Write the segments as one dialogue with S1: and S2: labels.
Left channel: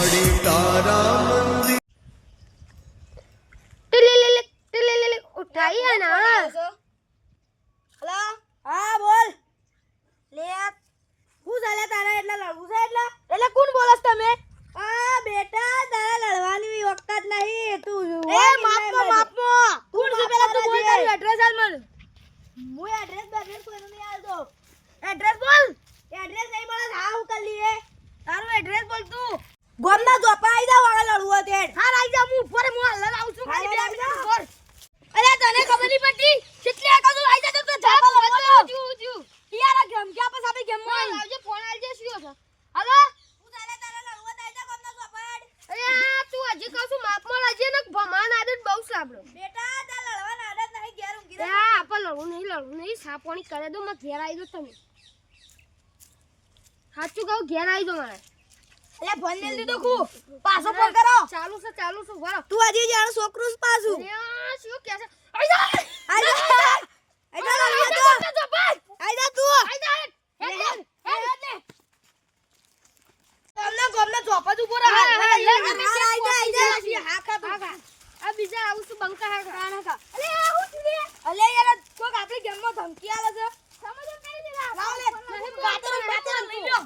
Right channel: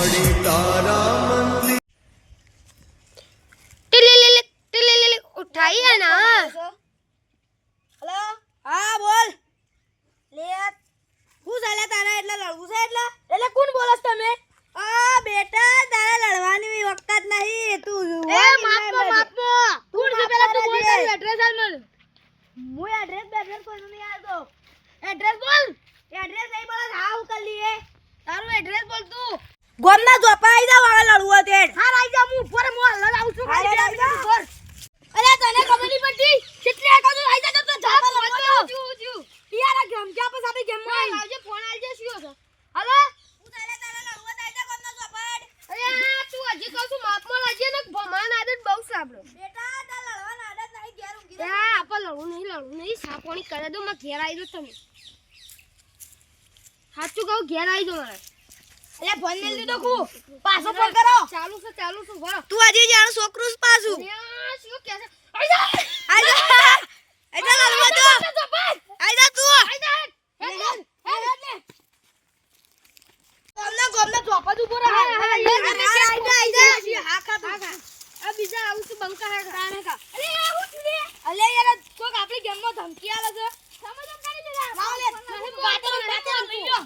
S1: મળે તારા મંદિર
S2: ટિલિલિલિક, ટિલિલિલિક, ઉઠાઈએ ને
S3: હલો હા બોલ લે હું ચાલે તારે એટલે લડવું છે એટલે એટલે કોણ બોલસ તમે આ બેટા તારે લડવાની વખત નહીં તું
S2: એ માપમાં માપમાં
S3: કોણ છે પેલા તું બોલ તારું એડ્રેસ આલ મને હું એડ્રેસ નહીં આલતો એડ્રેસ બોલ એડ્રેસ નહીં બોલ હા હું કરી લઈએ તારું એડ્રેસ બોલ તું ગોમના જોપા આઈ જાવ હવે લડવું તે હા આઈ જા હું ઉપર હું હલ્લા આવું છું અરે તને ખબર નહીં પડતી કેટલી આ તો જા તો જાપા લડવા
S2: ઉજ્યું, ઉજ્યું.
S3: યાર આ ગેમ કે પછી આપણી ગેમ
S2: ફોન આવજે, ફોન આવજે, શું છે? હાલો? અરે તું હજી કહું છું, માપમાં લાવજે ને ભમાન આદત બહુ સાંભળો. એ આ આપણે લડવું નહીં, લડવું નહીં. સાપોણી કરે દો, મારે ઘેર આવી દો તમે. સાચું કહું, ઘેર આવી દો મારે.
S3: એટલે ફોન મેલ લીધો ખુ પાછો ફોન કરો
S2: ચાલુ છે, ચાલુ છું ભરો
S3: તું હજી જાણ છોકરું પાછું
S2: શું કહે છે? આઈ જા!
S3: આઈ જા આઈ જા લડવા તો
S2: આઈ જા, ભાઈ!
S3: આઈ જા તું
S2: આઈ જા, હેડ, હેડ, હેડ, હેડ, હેડ.
S3: ગોમના ચોપા જ ઊભો રહે
S2: હા, હા,
S3: ખા.
S2: આ બીજા આવું છું બંકા હા ખા.
S3: અરે આ હું છું રે અલે યાર કોક આપણી ગેમમાં ધમકી આલે છે
S2: સમજો કરી દેલા.
S3: લાવ લે
S2: નહીં,
S3: કાતર
S2: નહીં,
S3: કાતર
S2: નહીં,
S3: લઈ
S2: નહીં.
S3: લો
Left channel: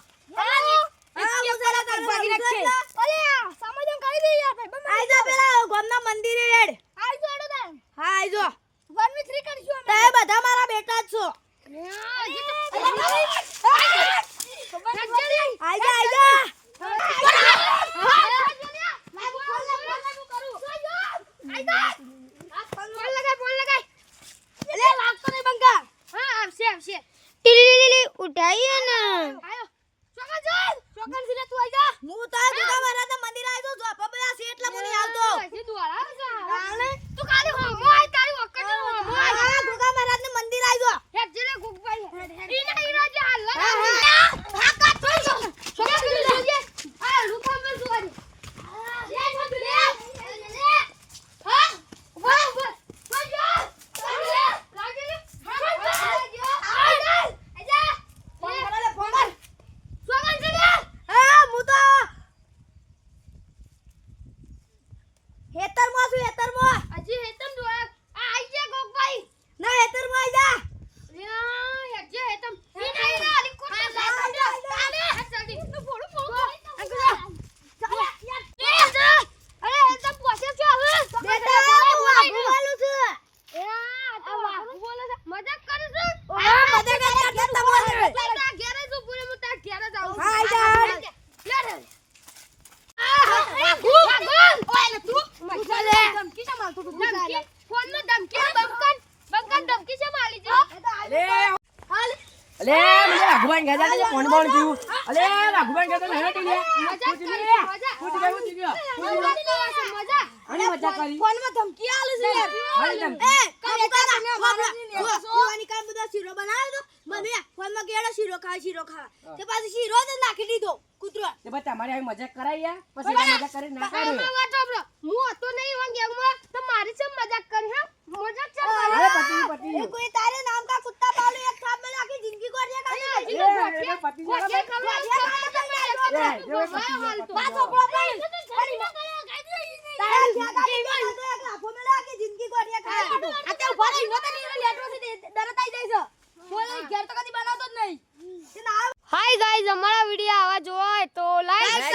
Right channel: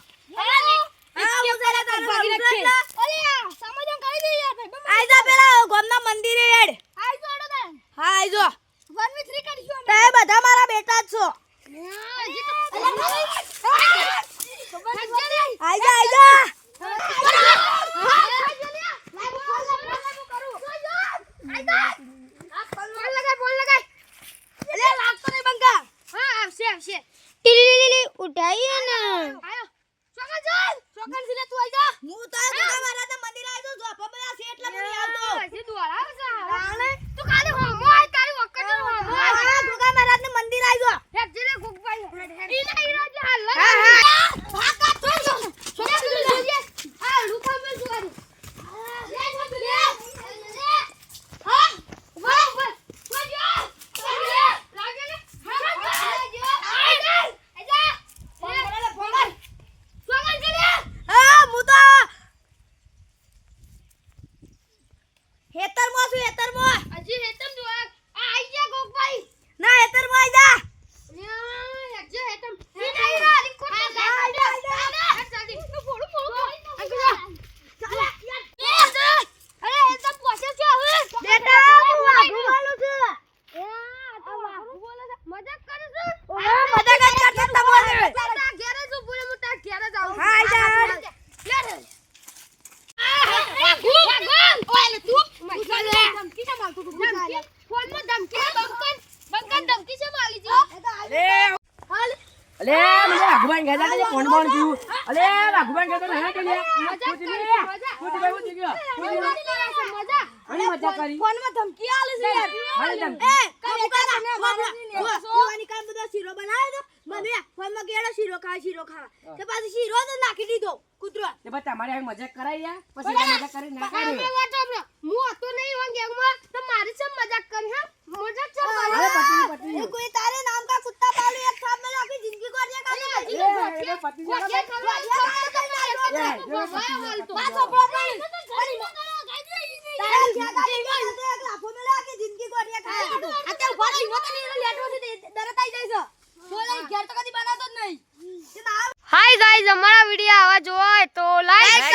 S3: હા હું જરા તાર ભાગી રાખે
S2: અલે આ સમજો કરી દે યાર ભાઈ બંધ
S3: આઈ જા પેલા ગોમના મંદિરે હેડ
S2: આઈ જો એડો તાન
S3: હા આઈ જો
S2: 1 with 3 કરીશું અમે
S3: તે બધા મારા બેટા જ છો જા જા.
S2: ઉઠાઈએ ને
S3: તું આઈ જા. હું તાર મારા મંદિર આઈ જો જોપા બધા છે એટલે મને આવતો
S2: તું ખાલી હોમો આય તારી વખત હોમો આય
S3: હા જુદા મહારાજનું મંદિર આઈ જો
S2: હેડ જેને ગુગભાઈ ઈના ઈના જે હાલ
S3: હા, હા.
S2: હા કા તો જો છોકરી જોજે આ રૂખા મે સુવારી લે છોકરી લે લે હા વાહ વાહ વાહ લે લાગે ને હા જા આજા
S3: ફોન કર લે ફોન કર
S2: સોગન છે લે
S3: હા હું તો હેતરમાં છું હેતરમાં
S2: હજી હેતમ જો આ આઈ જા ગોગભાઈ
S3: ના હેતરમાં આઈ જા
S2: લે હેજે હેતમ ઈના ઈના અલી કોટ લે લે જલ્દી તું ફોડું ફોડું ચાલે યાર અરે હેતમ પોસે છો હવે
S3: બેટા હું આબુ વાલું છે
S2: એ આ તો વાહુ બોલે છે મજાક કરે છે
S3: ઓહો મજા કર કર તમારે
S2: તારા ઘેરે જ ઊભું રહે, હું તારા ઘેરે જ આવું છું.
S3: હા, આઈ જા.
S2: લે રે. આ, વાગોન. ઓય, લે તું. તું લે.
S3: ધમકી ના મારતો તું
S2: ધમકી. ફોનમાં ધમકી બંકન. બંકન ધમકી છે મારી જો. હાલ.
S4: અલે મને વાઘુબાન ગયા ને ફોન બોન કીધું અલે વાઘુબાન ગયા ને
S2: કરે
S4: લે
S2: મજા. મજા કરી ફોન છે,
S3: ફોનમાં ધમકી આલે છે યાર
S4: હાલે ધમકી.
S3: એ કામ કર ને મારા યુવાની કામ બધો શીરો બનાવ્યો તો મને ફોનમાં શીરો ખાવા. તે પાછો શીરો જ નાખી દીધો કૂતરો.
S4: તે બસ તમારે આવી મજાક કરાઈ યાર. પછી મજાક કરી ના કરે
S2: વાત સાંભળો. હું હતો નહીં એવા ગેંગમાં, તો મારી છે મજાક કરી હા? મજાક છે મારી.
S4: હવે પતિ પતી
S3: કોઈ તારે નામ કા કુત્તા પાલુ એક સાપ મને આખી જિંદગી કોર દે
S4: એ પતી
S2: હાલ તો.
S3: પાછો પ્રોબ્લેમ તારે જ્યાદા લીધો તો એક લાફો મેલે આખી જિંદગી કોર દે ખાલી ઊભા રહી હોતે ને લેટરો છે દરત આઈ જાય છે. બોલે ઘેર તો કદી બનાવતો જ નહીં.
S2: હાય ગાઈઝ અમારા વીડિયો આવા જોવા હોય તો લાઈક